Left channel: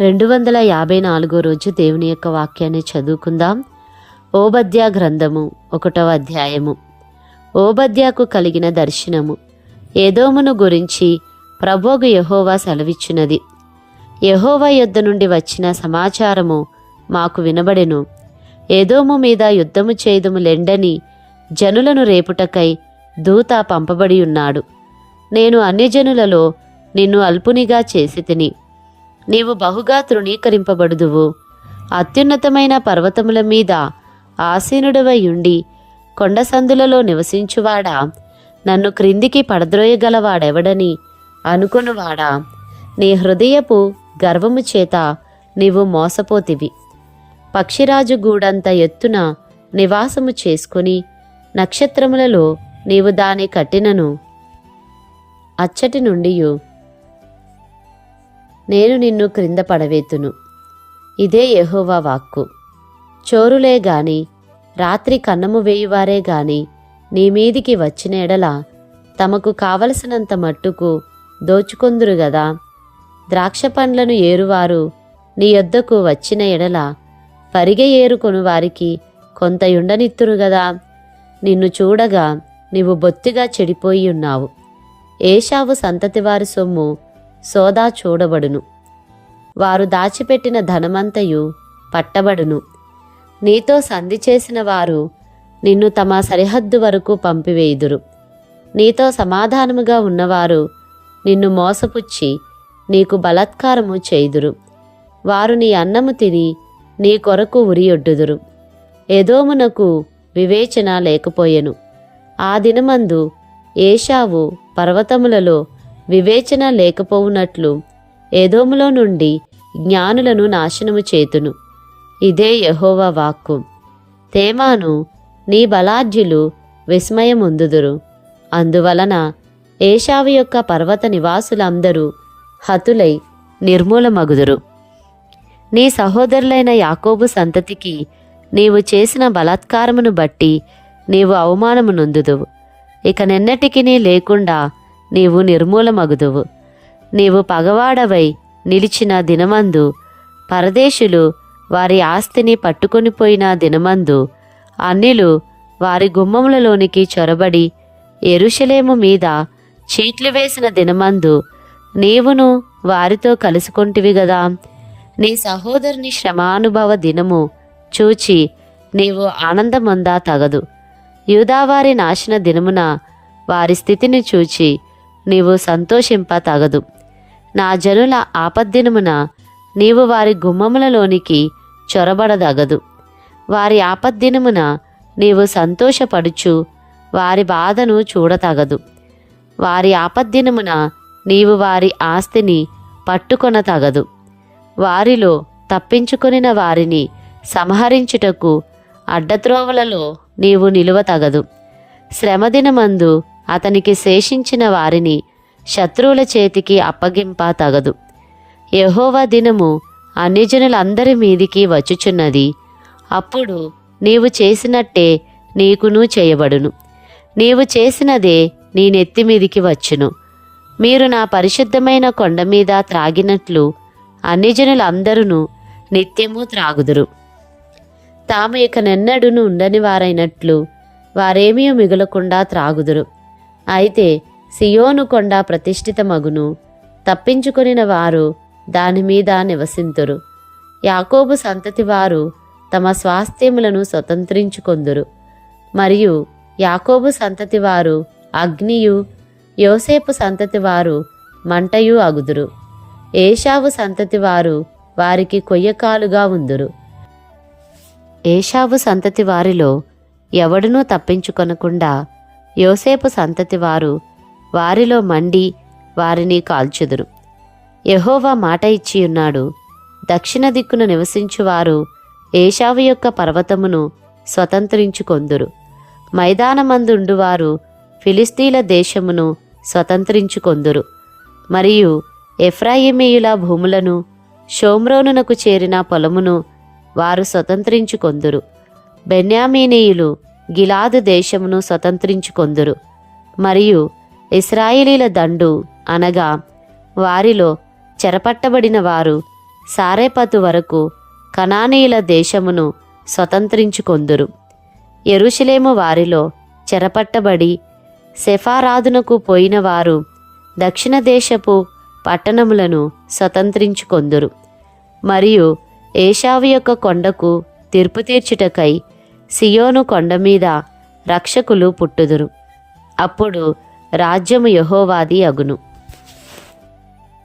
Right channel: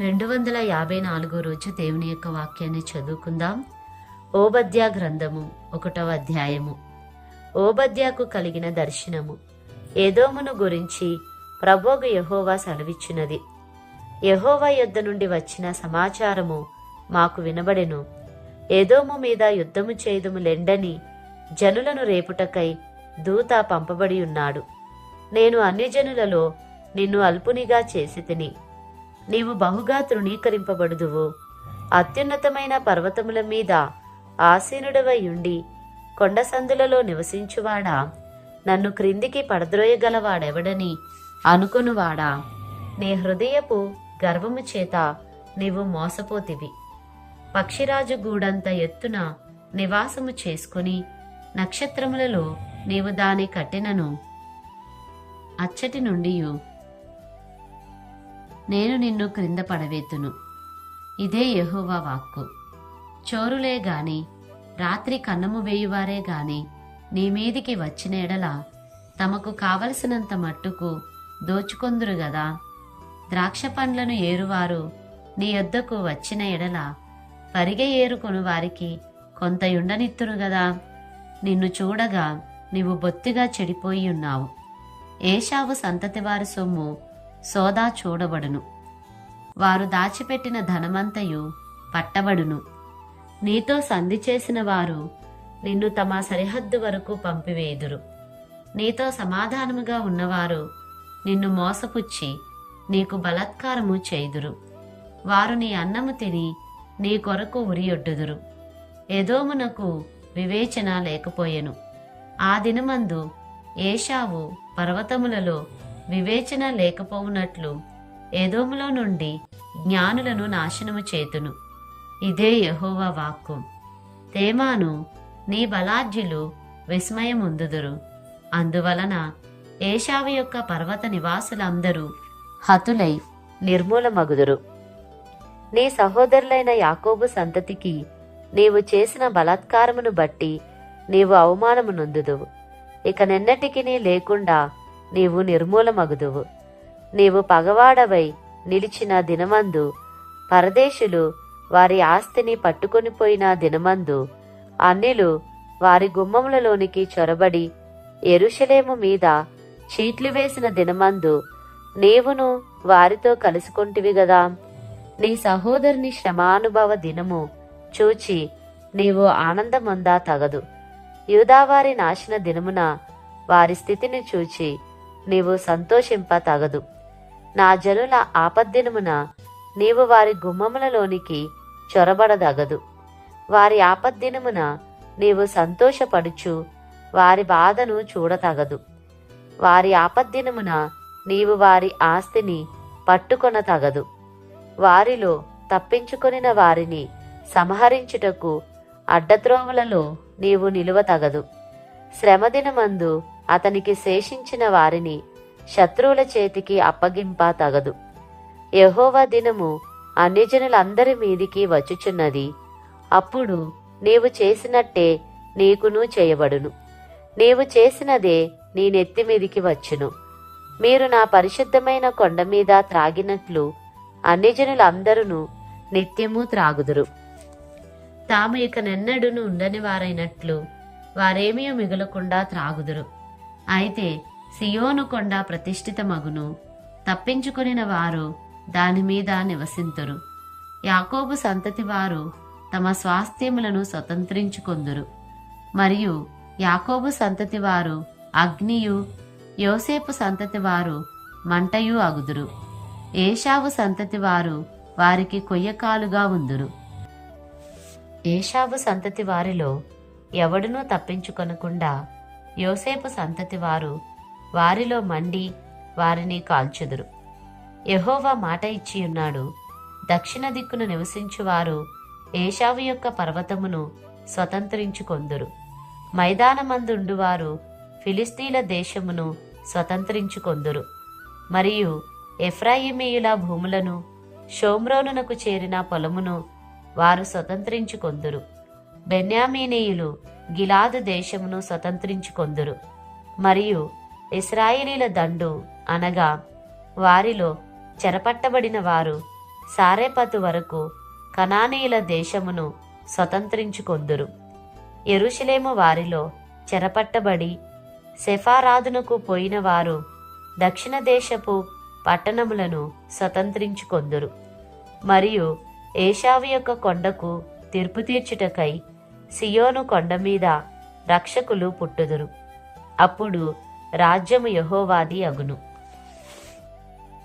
రెండు వందల యాభై నాలుగో రోజు దేవుని యొక్క వాక్యాన్ని చదువుకుందాం. ఓబద్యా గ్రంథము ఒకటవ అధ్యాయము. ఓబద్యాకు కలిగిన దర్శనము. ఏదోమును గురించి ప్రభోగు యహోవా సెలవిచ్చినది. యహోవా యుద్ధ నుండి వచ్చిన సమాచారము మాకు వినబడెను. ఏదోము మీద యుద్ధము చేయదము లెండని జనులను రేపుటకై దూత పంపబడి ఉన్నాడు. నేను అన్ని జనులలో నిన్ను అల్పునిగా చేసి తిని నీవు బహుగా తృణీకరింపబడుదువు. అత్యున్నతమైన పర్వతముల మీద ఆసీనుడవై ఉండి కొండ సందులలో నివసించువాడా? నన్ను క్రిందికి పడద్రోయగలవాడెవడని అనుకొనువాడా? నీ హృదయపు గర్వము చేత నీవు మోసపోతివి. పక్షిరాజు గూడంత ఎత్తున నివాసము చేసుకుని నక్షత్రములలో నీవు దాని కట్టినను అచ్చటి నుండియు నేను నిన్ను క్రింద పడవేతును. ఇదే యహోవా వాక్కు. చోరులే గాని రాత్రి కన్నము వేయువారే గాని నీ మీదికి వచ్చిన ఎడల తమకు కావలసినంత మట్టుకు దోచుకొందురు గదా. ద్రాక్ష పండ్లను ఏరువారు నీ యొద్దకు వచ్చిన ఎడల పరిగె ఏరుకొను వారికి కొంత యుండనిత్తురు గదా. నిన్ను చూడగా నీవు బొత్తిగా చెడిపోయి ఉన్నావు. ఏషావు సంతతివారి సొమ్ము సోదా చూడబడును. వారు దాచిపెట్టిన ధనమంతయు పట్టబడును. నీతో సంధి చేసిన వారు నిన్ను తమ సరిహద్దు వరకు పంపివేయుదురు. నీతో సమాధానముగా ఉన్నవారు నిన్ను మోసపుచ్చి నీకు బలాత్కారము చేయుదురు. వారు నీ అన్నము తిని నీ కొరకు ఉరియొడ్డుదురు. ఏదోమునకు వివేచన లేకపోయెను. ఆ దినమందు ఏషావు పర్వతములలో వివేచన లేకపోవునట్లు ఏదోములో నుండి జ్ఞానులను నాశనము చేతును. ఇదే యహోవా వాక్కు. తేమాను నీ బలాఢ్యులు విస్మయముందుదురు. అందువలన ఏషావు యొక్క పర్వత నివాసులందరూ హతులై నిర్మూలమగుదురు. నీ సహోదరులైన యాకోబు సంతతికి నీవు చేసిన బలాత్కారమును బట్టి నీవు అవమానము నొందుదువు ఇక నిన్నటికి లేకుండా నీవు నిర్మూలమగుదువు. నీవు పగవాడవై నిలిచిన దినమందు పరదేశులు వారి ఆస్తిని పట్టుకొనిపోయిన దినమందు అన్నిలు వారి గుమ్మములలోనికి చొరబడి ఎరుషలేము మీద చీట్లు వేసిన దినమందు నీవును వారితో కలుసుకొంటివి గదా. నీ సహోదరుని శ్రమానుభవ దినము చూచి నీవు ఆనందమొందా తగదు. యూదావారి నాశన దినమున వారి స్థితిని చూచి నీవు సంతోషింప తగదు. నా జనుల ఆపద్దినమున నీవు వారి గుమ్మములలోనికి చొరబడదగదు. వారి ఆపద్దినమున నీవు సంతోషపడుచు వారి బాధను చూడతగదు. వారి ఆపద్దినమున నీవు వారి ఆస్తిని పట్టుకొన తగదు. వారిలో తప్పించుకొనిన వారిని సంహరించుటకు అడ్డత్రోవలలో నీవు నిలువ తగదు. శ్రమదినమందు అతనికి శేషించిన వారిని శత్రువుల చేతికి అప్పగింప తగదు. యహోవా దినము అన్యజనులందరి మీదికి వచ్చుచున్నది. అప్పుడు నీవు చేసినట్టే నీకును చేయబడును. నీవు చేసినదే నీ నెత్తి మీదికి వచ్చును. మీరు నా పరిశుద్ధమైన కొండ మీద త్రాగినట్లు అన్యజనులందరూ నిత్యము త్రాగుదురు. తాము ఇక నెన్నడును ఉండని వారైనట్లు వారేమీ మిగులకుండా త్రాగుదురు. అయితే సియోను కొండ ప్రతిష్ఠితమగును. తప్పించుకొనిన వారు దాని మీద నివసింతురు. యాకోబు సంతతి వారు తమ స్వాస్థ్యములను స్వతంత్రించుకొందురు. మరియు యాకోబు సంతతి వారు అగ్నియు యోసేపు సంతతి వారు మంటయు అగుదురు. ఏషావు సంతతి వారు వారికి కొయ్యకాలుగా ఉందురు. ఏషావు సంతతి వారిలో ఎవడునూ తప్పించుకొనకుండా యోసేపు సంతతి వారు వారిలో మండి వారిని కాల్చుదురు. యహోవా మాట ఇచ్చి ఉన్నాడు దక్షిణ దిక్కున నివసించువారు ఏషావు యొక్క పర్వతమును స్వతంత్రించుకొందురు. మైదానమందుండువారు ఫిలిస్తీన్ల దేశమును స్వతంత్రించుకొందురు. మరియు ఎఫ్రాయిమీయుల భూములను షోమ్రోనునకు చేరిన పొలమును వారు స్వతంత్రించుకొందురు. బెన్యామీనీయులు గిలాదు దేశమును స్వతంత్రించుకొందురు. మరియు ఇస్రాయేలీల దండు అనగా వారిలో చెరపట్టబడిన వారు సారేపతు వరకు కనానీయుల దేశమును స్వతంత్రించుకొందురు. ఎరుషలేము వారిలో చెరపట్టబడి సెఫారాదునకు పోయిన వారు దక్షిణ దేశపు పట్టణములను స్వతంత్రించుకొందురు. మరియు ఏషావు యొక్క కొండకు తీర్పు తీర్చుటకై సియోను కొండ మీద రక్షకులు పుట్టుదురు. అప్పుడు రాజ్యము యహోవాది అగును.